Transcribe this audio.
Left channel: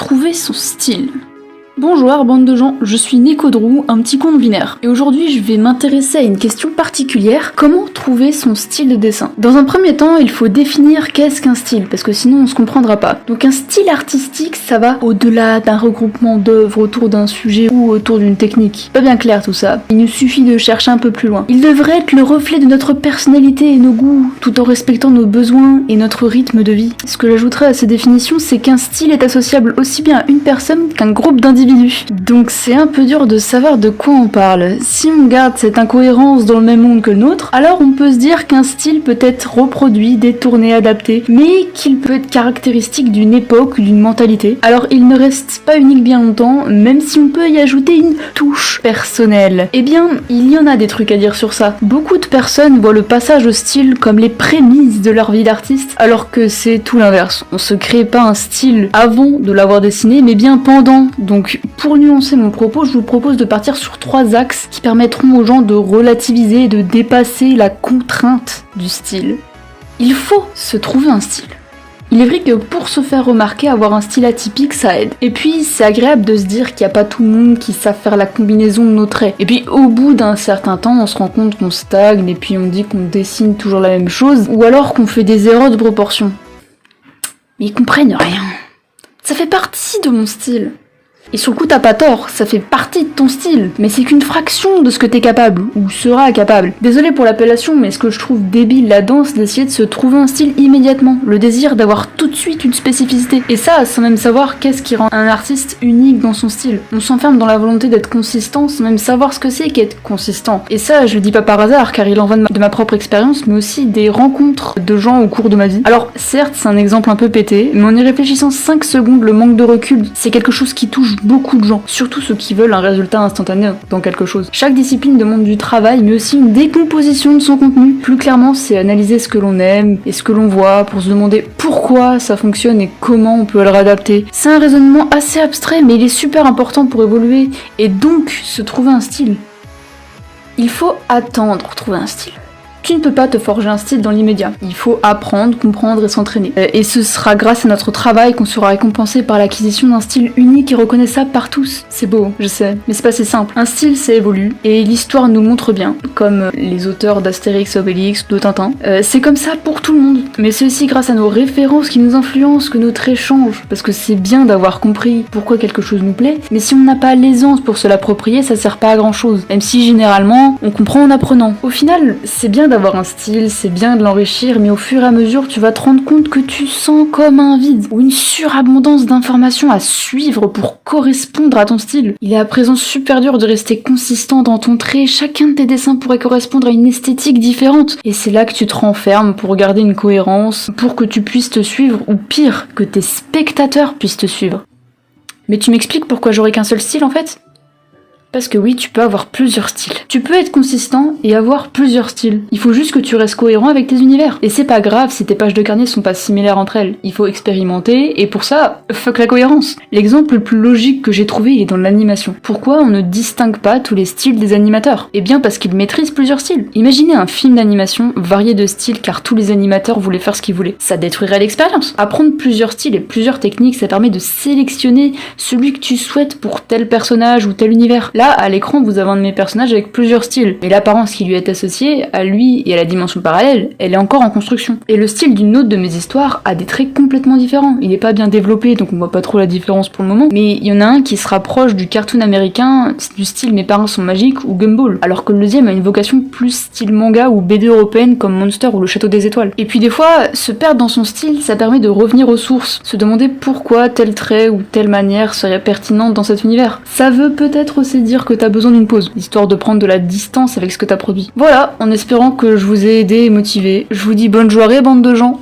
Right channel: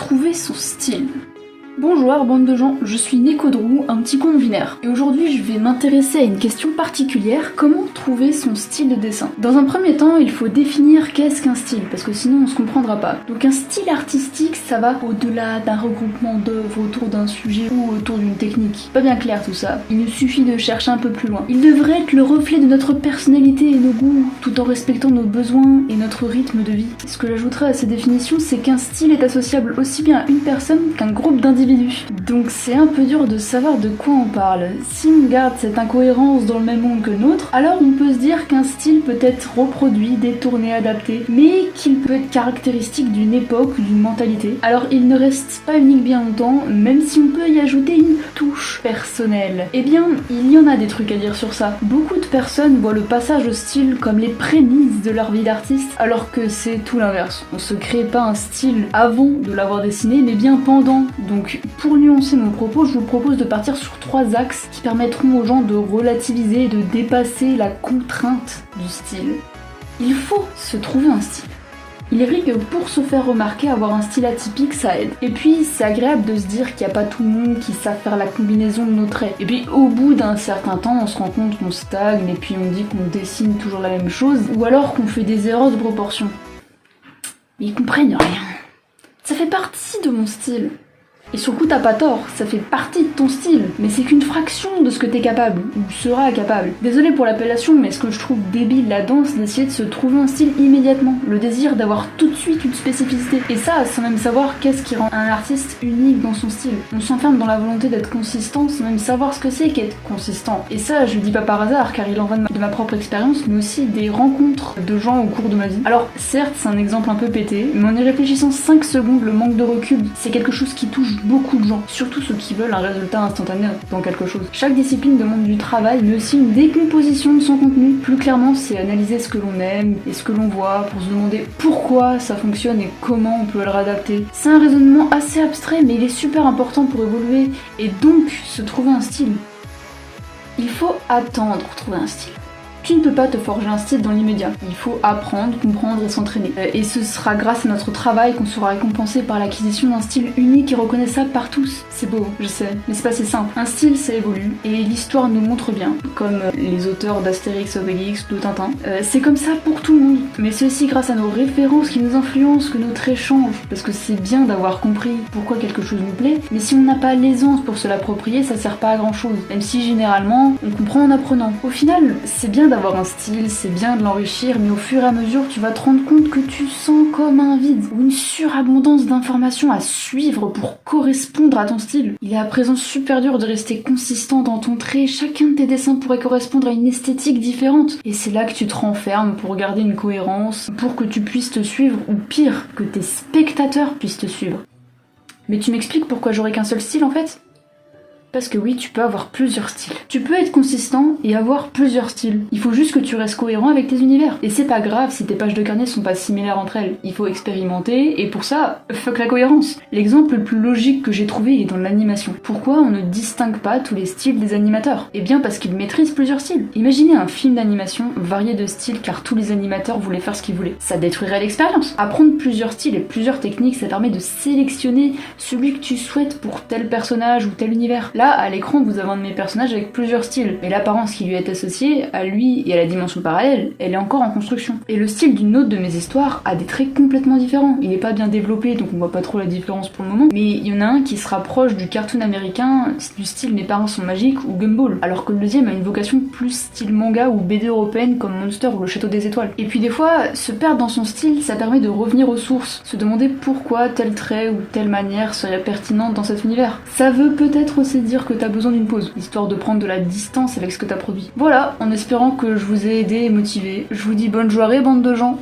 trouver son style. Bonjour bande de gens, je suis Nekodrou, un petit con binaire. Et aujourd'hui je vais m'intéresser à une question particulière, comment trouver son style de dessin. Dans un premier temps, il faut définir qu'est-ce qu'un style, parce que sinon on se comprendra pas. Donc un style artistique, ça va au-delà d'un regroupement d'œuvres autour d'un sujet ou autour d'une technique. Pas bien clair tout ça, il nous suffit de chercher un peu plus loin. Il devrait être le reflet de notre personnalité et nos goûts, tout en respectant nos besoins et notre rythme de vie. Ce que j'ajouterais à ces définitions, c'est qu'un style est associable aussi bien à une personne qu'un groupe d'individus. Donc c'est un peu dur de savoir de quoi on parle. Si on garde cette incohérence dans le même monde que le nôtre, alors on peut se dire qu'un style peut être reproduit, détourné, adapté, mais qu'il peut être caractéristique d'une époque ou d'une mentalité. Alors il ne reste pas unique bien longtemps, même si on peut y ajouter une touche personnelle. Eh bien, il y en a des trucs à dire sur ça. Beaucoup de personnes voient le passage au style comme les prémices de leur vie d'artiste, alors que c'est tout l'inverse. On se crée pas un style avant de l'avoir dessiné, mais bien pendant. Donc pour nuancer mon propos, je vous propose de partir sur 3 axes qui permettront aux gens de relativiser et de dépasser la contrainte du style. Il faut se trouver un style. Il est vrai que pour se faire remarquer, avoir un style atypique, ça aide. Et puis, c'est agréable de se dire qu'il n'y a pas tout le monde qui savent faire la combinaison de nos traits. Et puis, au bout d'un certain temps, on se rend compte qu'on stagne et puis on dit qu'on dessine toujours la même chose, ou alors qu'on fait des erreurs de proportion. Mais ils comprennent rien. Ça fait partie de mon style. Et sur le coup, t'as pas tort, ça fait partie de ton style, mais c'est qu'une fraction de ce que t'es capable, ou seras capable. Désolé pour l'appellation, mais ce que je trouve débile là-dedans, c'est d'essayer de se trouver un style immédiatement, le désir d'avoir tout de suite une spécificité. Et ça, sans même savoir qu'est-ce qui rend un artiste unique dans son style. On s'enferme dans la volonté d'être consistant, sans même savoir ce que c'est qu'être consistant. Et ça, je le dis pas par hasard, car il en va de ma propre expérience, mais aussi des rencontres de gens au cours de ma vie. Alors, certes, c'est un exemple un peu pété, mais en y réfléchissant 5 secondes, le manque de recul, c'est quelque chose qui touche beaucoup de gens, surtout ceux qui veulent un résultat instantané dans quelque chose. Chaque discipline demande du travail, mais aussi une décomposition de son contenu. Plus clairement, c'est analyser ce que l'on aime et ce que l'on voit pour se demander pourquoi ça fonctionne et comment on peut le réadapter. C'est un raisonnement assez abstrait, mais il est super important pour évoluer et donc se trouver un style. Il faut attendre pour trouver un style. Tu ne peux pas te forger un style dans l'immédiat. Il faut apprendre, comprendre et s'entraîner. Et ce sera grâce à notre travail qu'on sera récompensé par l'acquisition d'un style unique et reconnaissable par tous. C'est beau, je sais, mais c'est pas si simple. Un style, ça évolue, et l'histoire nous montre bien, comme les auteurs d'Astérix, Obélix ou de Tintin. C'est comme ça pour tout le monde. Mais c'est aussi grâce à nos références qui nous influencent que nos traits changent. Parce que c'est bien d'avoir compris pourquoi quelque chose nous plaît, mais si on n'a pas l'aisance pour se l'approprier, ça sert pas à grand chose. Même si généralement, on comprend en apprenant. Au final, c'est bien d'avoir un style, c'est bien de l'enrichir, mais au fur et à mesure, tu vas te rendre compte que tu sens comme un vide, ou une surabondance d'informations à suivre pour correspondre à ton style. Il est à présent super dur de rester consistant dans ton trait, chacun de tes dessins pourrait correspondre à une esthétique différente, et c'est là que tu te renfermes pour garder une cohérence, pour que tu puisses te suivre, ou pire, que tes spectateurs puissent te suivre. Mais tu m'expliques pourquoi j'aurais qu'un seul style en fait ? Parce que oui, tu peux avoir plusieurs styles. Tu peux être consistant et avoir plusieurs styles. Il faut juste que tu restes cohérent avec tes univers. Et c'est pas grave si tes pages de carnet sont pas similaires entre elles. Il faut expérimenter, et pour ça, fuck la cohérence. L'exemple le plus logique que j'ai trouvé, il est dans l'animation. Pourquoi on ne distingue pas tous les styles des animateurs ? Eh bien parce qu'ils maîtrisent plusieurs styles. Imaginez un film d'animation varié de styles car tous les animateurs voulaient faire ce qu'ils voulaient. Ça détruirait l'expérience. Apprendre plusieurs styles et plusieurs techniques, ça permet de sélectionner celui que tu souhaites pour tel personnage ou tel univers. Là, à l'écran, vous avez un de mes personnages avec plusieurs styles, mais l'apparence qui lui est associée, à lui et à la dimension parallèle, elle est encore en construction. Et le style d'une autre de mes histoires a des traits complètement différents. Il n'est pas bien développé, donc on voit pas trop la différence pour le moment, mais il y en a un qui se rapproche du cartoon américain, du style Mes parents sont magiques ou Gumball, alors que le deuxième a une vocation plus style manga ou BD européenne comme Monster ou Le Château des Étoiles. Et puis des fois, se perdre dans son style, ça permet de revenir aux sources, se demander pourquoi tel trait ou telle manière serait pertinente dans cet univers. Ça veut peut-être aussi dire que t'as besoin d'une pause, histoire de prendre de la distance avec ce que t'as produit. Voilà, en espérant que je vous ai aidé et motivé, je vous dis bonne journée bande de gens.